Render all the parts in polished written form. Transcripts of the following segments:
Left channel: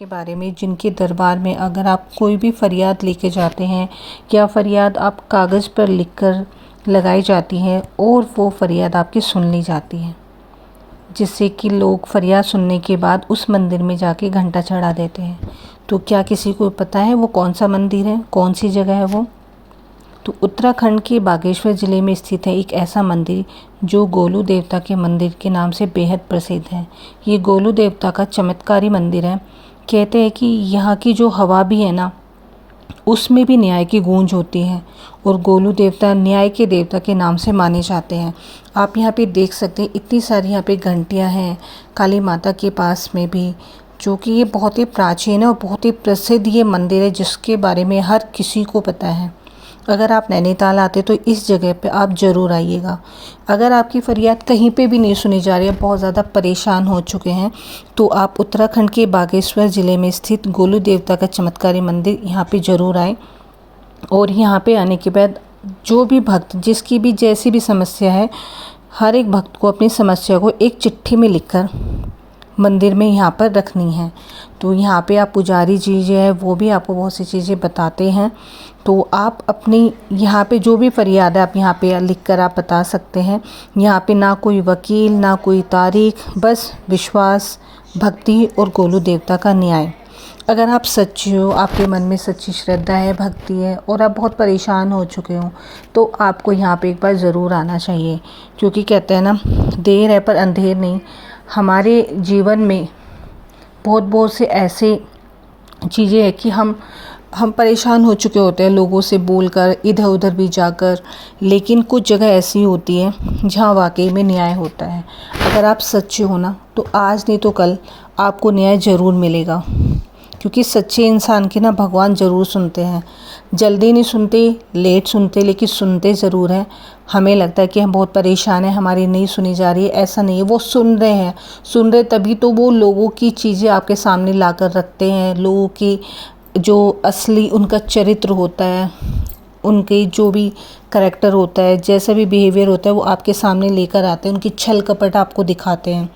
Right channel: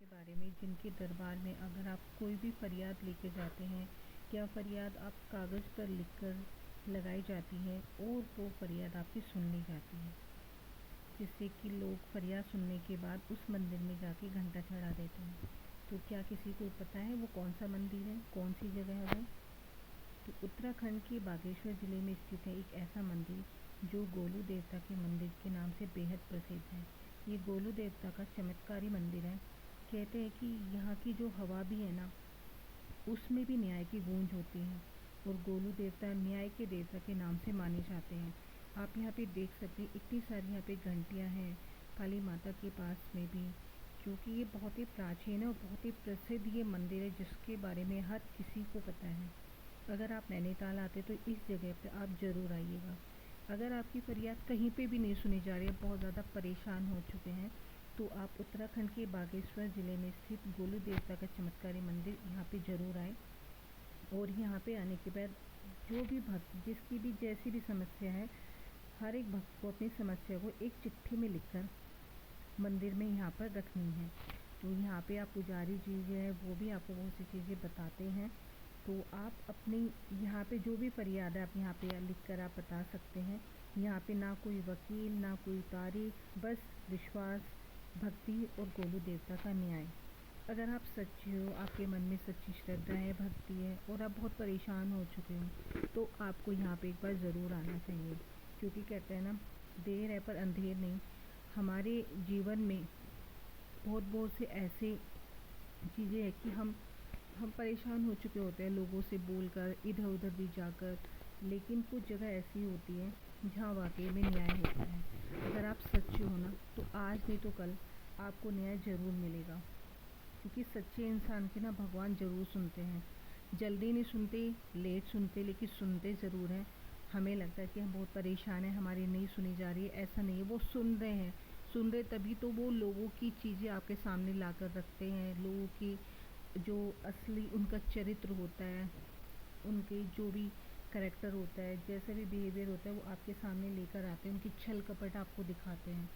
के बारे में जिनके दरबार में अगर आप कोई भी फरियाद लेके जाते हैं या फरियाद आप कागज़ पर लिखकर लगाई जाती है और वो फरियाद आपकी सुन ली जाती है, जिससे कि लोग फरियाद सुनने के बाद उस मंदिर में जाके घंटा चढ़ा देते हैं। तो क्या किसी को पता है वो कौन सा मंदिर है, कौन सी जगह है वो? तो उत्तराखंड के बागेश्वर ज़िले में स्थित है एक ऐसा मंदिर जो गोलू देवता के मंदिर के नाम से बेहद प्रसिद्ध है। ये गोलू देवता का चमत्कारी मंदिर है। कहते हैं कि यहाँ की जो हवा भी है ना, उसमें भी न्याय की गूंज होती है और गोलू देवता न्याय के देवता के नाम से माने जाते हैं। आप यहाँ पे देख सकते हैं इतनी सारी यहाँ पे घंटियाँ हैं काली माता के पास में भी, जो कि ये बहुत ही प्राचीन है और बहुत ही प्रसिद्ध ये मंदिर है जिसके बारे में हर किसी को पता है। अगर आप नैनीताल आते तो इस जगह पे आप ज़रूर आइएगा। अगर आपकी फ़रियाद कहीं पे भी नहीं सुनी जा रही है, बहुत ज़्यादा परेशान हो चुके हैं, तो आप उत्तराखंड के बागेश्वर ज़िले में स्थित गोलू देवता का चमत्कारी मंदिर यहाँ पे ज़रूर आएँ। और यहाँ पे आने के बाद जो भी भक्त जिसकी भी जैसी भी समस्या है, हर एक भक्त को अपनी समस्या को एक चिट्ठी में लिखकर मंदिर में यहाँ पर रखनी है। तो यहाँ पे आप पुजारी जी जो है वो भी आपको बहुत सी चीज़ें बताते हैं। तो आप अपनी यहाँ पे जो भी फरियाद है आप यहाँ पे लिख कर आप बता सकते हैं। यहाँ पे ना कोई वकील, ना कोई तारीख, बस विश्वास, भक्ति और गोलू देवता का न्याय। अगर आप सच्चे हो, आपके मन में सच्ची श्रद्धा है, भक्ति है और आप बहुत परेशान हो चुके हो, तो आपको यहाँ पे एक बार ज़रूर आना चाहिए। क्योंकि कहते हैं ना, देर है पर अंधेर नहीं। हमारे जीवन में बहुत से ऐसे चीज़ें हैं कि हम परेशान हो चुके होते हैं लोगों से बोलकर, इधर उधर भी जाकर, लेकिन कुछ जगह ऐसी होती है जहाँ वाकई में न्याय होता है। अगर आप सच्चे हो ना, तो आज नहीं तो कल आपको न्याय ज़रूर मिलेगा। क्योंकि सच्चे इंसान की ना भगवान ज़रूर सुनते हैं। जल्दी नहीं सुनते, लेट सुनते, लेकिन सुनते ज़रूर हैं। हमें लगता है कि हम बहुत परेशान हैं, हमारी नहीं सुनी जा रही है, ऐसा नहीं है। वो सुन रहे हैं, सुन रहे तभी तो वो लोगों की चीज़ें आपके सामने ला कर रखते हैं। लोगों की जो असली उनका चरित्र होता है, उनके जो भी करैक्टर होता है, जैसा भी बिहेवियर होता है, वो आपके सामने लेकर आते हैं। उनकी छल कपट आपको दिखाते हैं।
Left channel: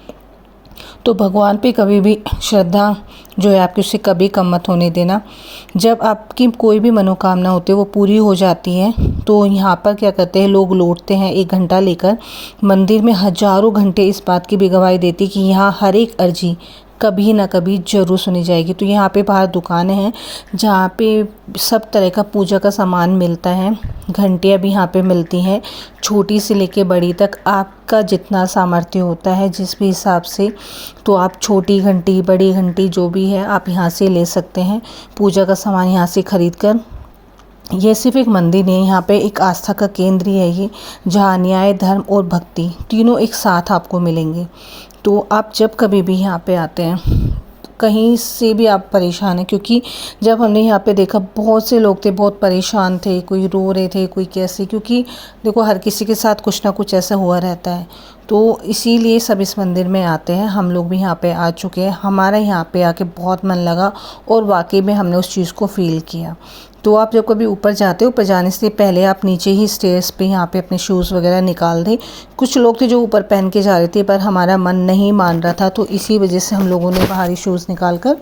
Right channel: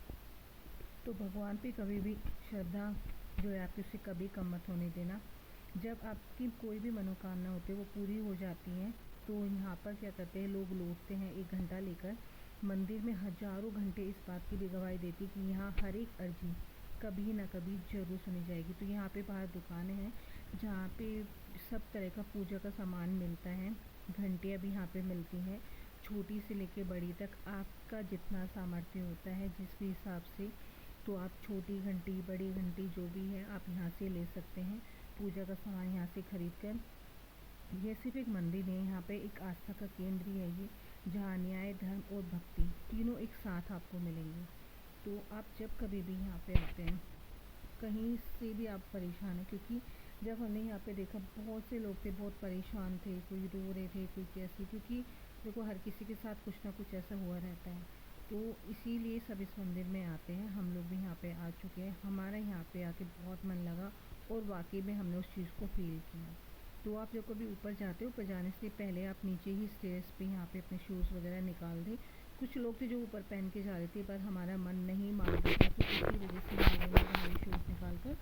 तो भगवान पे कभी भी श्रद्धा जो है आपकी, उससे कभी कम मत होने देना। जब आपकी कोई भी मनोकामना होती है वो पूरी हो जाती है, तो यहाँ पर क्या करते हैं लोग, लौटते हैं एक घंटा लेकर मंदिर में। हजारों घंटे इस बात की भी गवाही देती कि यहाँ हर एक अर्जी कभी ना कभी ज़रूर सुनी जाएगी। तो यहाँ पे बाहर दुकानें हैं जहाँ पे सब तरह का पूजा का सामान मिलता है। घंटियाँ भी यहाँ पे मिलती हैं, छोटी से लेके बड़ी तक। आपका जितना सामर्थ्य होता है जिस भी हिसाब से, तो आप छोटी घंटी, बड़ी घंटी जो भी है आप यहाँ से ले सकते हैं। पूजा का सामान यहाँ से खरीद कर। ये सिर्फ एक मंदिर नहीं है, यहाँ पे एक आस्था का केंद्र ही है ये, जहाँ न्याय, धर्म और भक्ति तीनों एक साथ आपको मिलेंगे। तो आप जब कभी भी यहाँ पे आते हैं, कहीं से भी आप परेशान हैं, क्योंकि जब हमने यहाँ पे देखा बहुत से लोग थे, बहुत परेशान थे, कोई रो रहे थे, कोई कैसे, क्योंकि देखो हर किसी के साथ कुछ ना कुछ ऐसा हुआ रहता है। तो इसीलिए सब इस मंदिर में आते हैं। हम लोग भी यहाँ पे आ चुके हैं, हमारा यहाँ पे आके बहुत मन लगा और वाकई में हमने उस चीज़ को फ़ील किया। तो आप जब कभी ऊपर जाते हो, ऊपर जाने से पहले आप नीचे ही स्टेयर्स पे यहाँ पे अपने शूज़ वगैरह निकाल दें। कुछ लोग थे जो ऊपर पहन के जा रहे थे, पर हमारा मन नहीं मान रहा था, तो इसी वजह से हम लोगों ने बाहरी शूज़ निकाल कर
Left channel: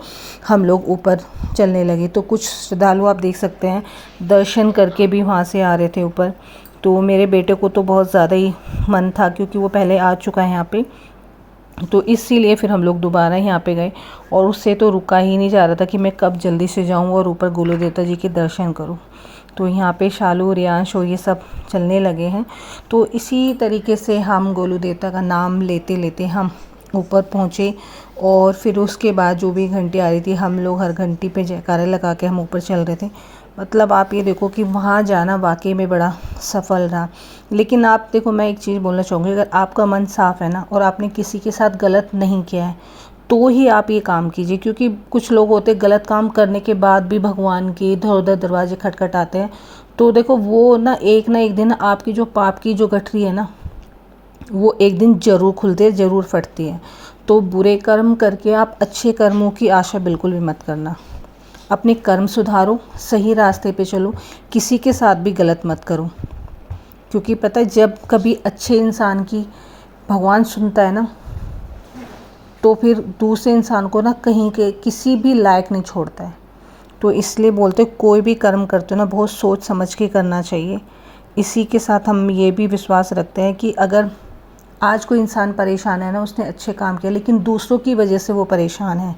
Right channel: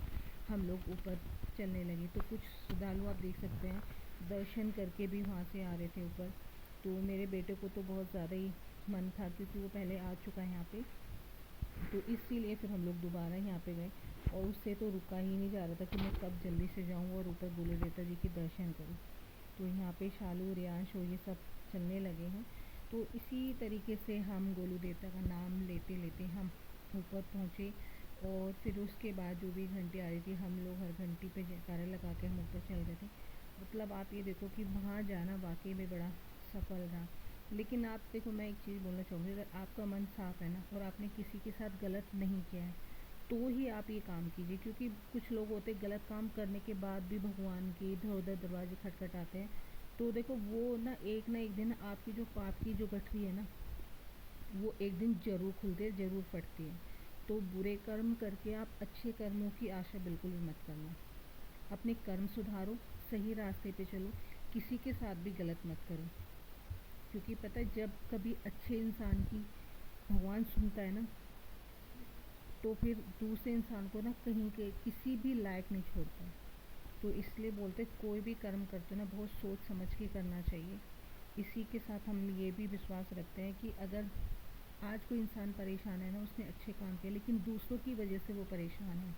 हम लोग ऊपर चलने लगे। तो कुछ श्रद्धालु आप देख सकते हैं दर्शन करके भी वहाँ से आ रहे थे ऊपर। तो मेरे बेटे को तो बहुत ज़्यादा ही मन था, क्योंकि वो पहले आ चुका है यहाँ पे, तो इसीलिए फिर हम लोग दोबारा यहाँ पे गए। और उससे तो रुका ही नहीं जा रहा था कि मैं कब जल्दी से जाऊँ और ऊपर गोलू देवता जी के दर्शन करूँ। तो यहाँ पे शालू, रियांश और ये सब चलने लगे हैं। तो इसी तरीके से हम गोलू देवता का नाम लेते लेते हम ऊपर पहुँचे। और फिर उसके बाद जो भी घंटी आ रही थी, हम लोग हर घंटी पे जयकारे लगा के हम ऊपर चल रहे थे। मतलब आप ये देखो कि वहाँ जाना वाकई में बड़ा सफल रहा। लेकिन आप देखो, मैं एक चीज़ बोलना चाहूँगी, अगर आपका मन साफ़ है ना और आपने किसी के साथ गलत नहीं किया है, तो ही आप ये काम कीजिए। क्योंकि कुछ लोग होते हैं गलत काम करने के बाद भी भगवान के इधर उधर दरवाजे खटखटाते हैं। तो देखो वो ना एक दिन आपकी जो पाप की जो गठरी है ना, वो एक दिन ज़रूर खुलती है, ज़रूर फटती है। तो बुरे कर्म करके आप अच्छे कर्मों की आशा बिल्कुल भी मत करना। अपने कर्म सुधारो, सही रास्ते पे चलो, किसी के साथ भी गलत मत करो। क्योंकि पता है, जब कभी अच्छे इंसान की भगवान सुनता है ना, तो फिर दूसरे इंसान को ना कहीं के किसी भी लायक नहीं छोड़ता है। तो इसलिए बोलते कोई भी कर्म करते हो ना बहुत सोच समझ के करना चाहिए। इसी के साथ हम ये भी विश्वास रखते हैं कि अगर आज कोई इंसान परेशान है ना, उसने अच्छे काम किया लेकिन दूसरों की वजह से वो परेशान है,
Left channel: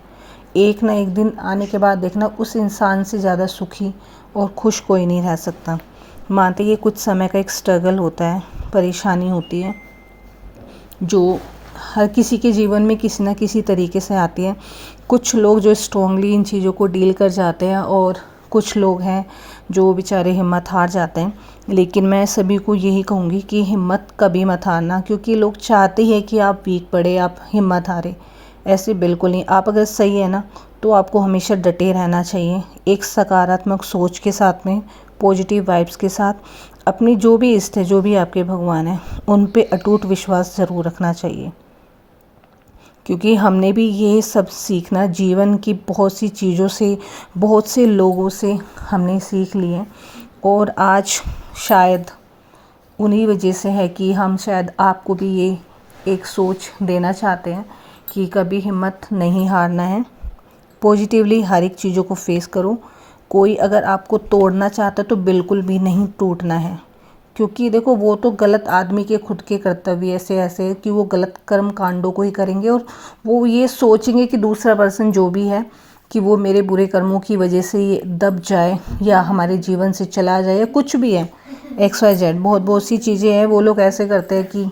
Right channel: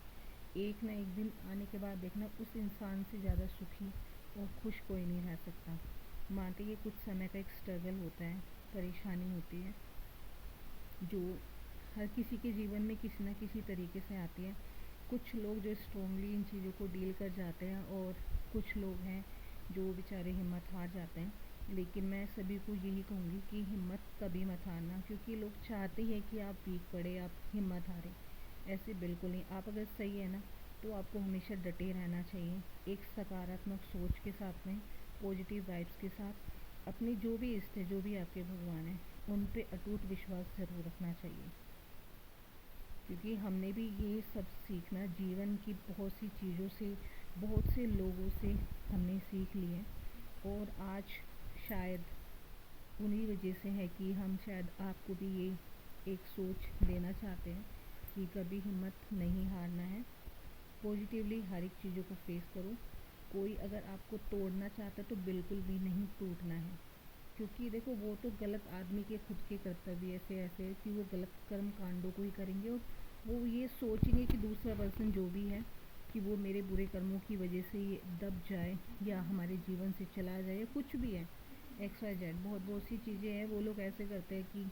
एक ना एक दिन आने के बाद देखना उस इंसान से ज़्यादा सुखी और खुश कोई नहीं रह सकता। मानते ये कुछ समय का एक स्ट्रगल होता है, परेशानी होती है जो हर किसी के जीवन में किसी न किसी तरीके से आती है। कुछ लोग जो स्ट्रॉन्गली इन चीज़ों को डील कर जाते हैं और कुछ लोग हैं जो बेचारे हिम्मत हार जाते हैं। लेकिन मैं सभी को यही कहूँगी कि हिम्मत कभी मत हारना, क्योंकि लोग चाहते हैं कि आप वीक पड़े, आप हिम्मत हारे। ऐसे बिल्कुल नहीं। आप अगर सही है ना तो आपको हमेशा डटे रहना चाहिए, एक सकारात्मक सोच के साथ में, पॉजिटिव वाइब्स के साथ। अपनी जो भी इष्ट है, जो भी आपके भगवान हैं, उन पे अटूट विश्वास ज़रूर रखना चाहिए। क्योंकि हमने भी ये सब सीखना जीवन की बहुत सी चीज़ों से, बहुत से लोगों से हमने सीख लिए। और आज शायद उन्हीं वजह से है कि हम शायद आपको भी ये एक सोच देना चाहते हैं कि कभी हिम्मत नहीं हारना है। पॉजिटिवली हर एक चीज़ों को फेस करो। कोई अगर आपको तोड़ना चाहता है तो बिल्कुल भी नहीं टूटना है, क्योंकि देखो वो तो गलत आदमी के खुद के कर्तव्य ऐसे कि वो गलत कर्म कांडों को ही करेंगे और वो ये सोचेंगे कि दूसरा पर्सन जो भी है कि वो मेरे बुरे कर्मों की वजह से ये दब जाए या हमारे जीवन से चला जाए या कुछ भी है, XYZ बहुत सी चीज़ें हैं। वो लोग ऐसे करते हैं कि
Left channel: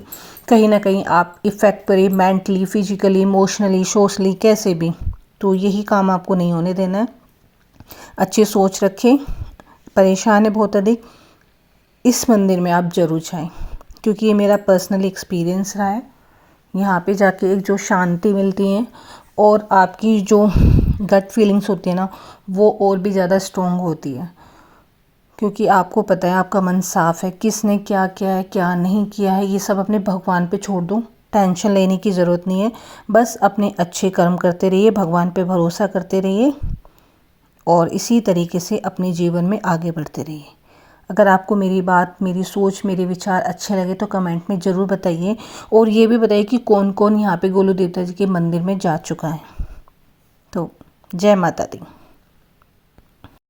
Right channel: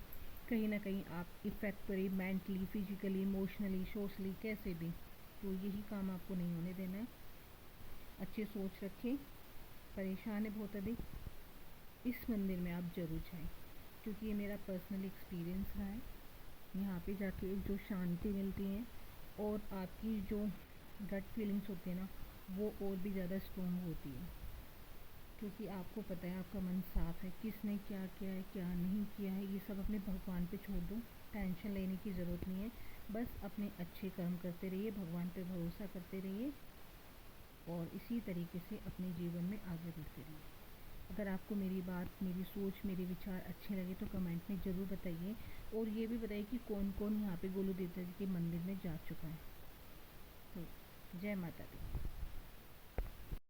कहीं ना कहीं आप इफ़ेक्ट पड़े मेंटली, फिजिकली, इमोशनली, सोशली, कैसे भी। तो यही काम आपको नहीं होने देना है। अच्छी सोच रखें। परेशान है बहुत अधिक, इस मंदिर में आप ज़रूर जाएं, क्योंकि ये मेरा पर्सनल एक्सपीरियंस रहा है। यहाँ पे जाके एक जो शांति मिलती है और आपकी जो गट फीलिंग्स होती है ना, वो और भी ज़्यादा स्ट्रॉन्ग होती है, क्योंकि आपको पता है आपका मन साफ़ है। किसने क्या किया है, क्या नहीं किया है, ये सब अपने भगवान पे छोड़ दो। टेंशन लेने की ज़रूरत नहीं है। बस अपने अच्छे कर्म करते रहिए, भगवान पे भरोसा करते रहिए और इसी तरीके से अपने जीवन में आगे बढ़ते रहिए। अगर आपको मेरी बात, मेरी सोच, मेरे विचार अच्छे लगे तो कमेंट में ज़रूर बताइए। और ये भी बताइए कि कौन कौन यहाँ पे गोलू देवता जी के मंदिर में जा चुका है। तो जय माता दी।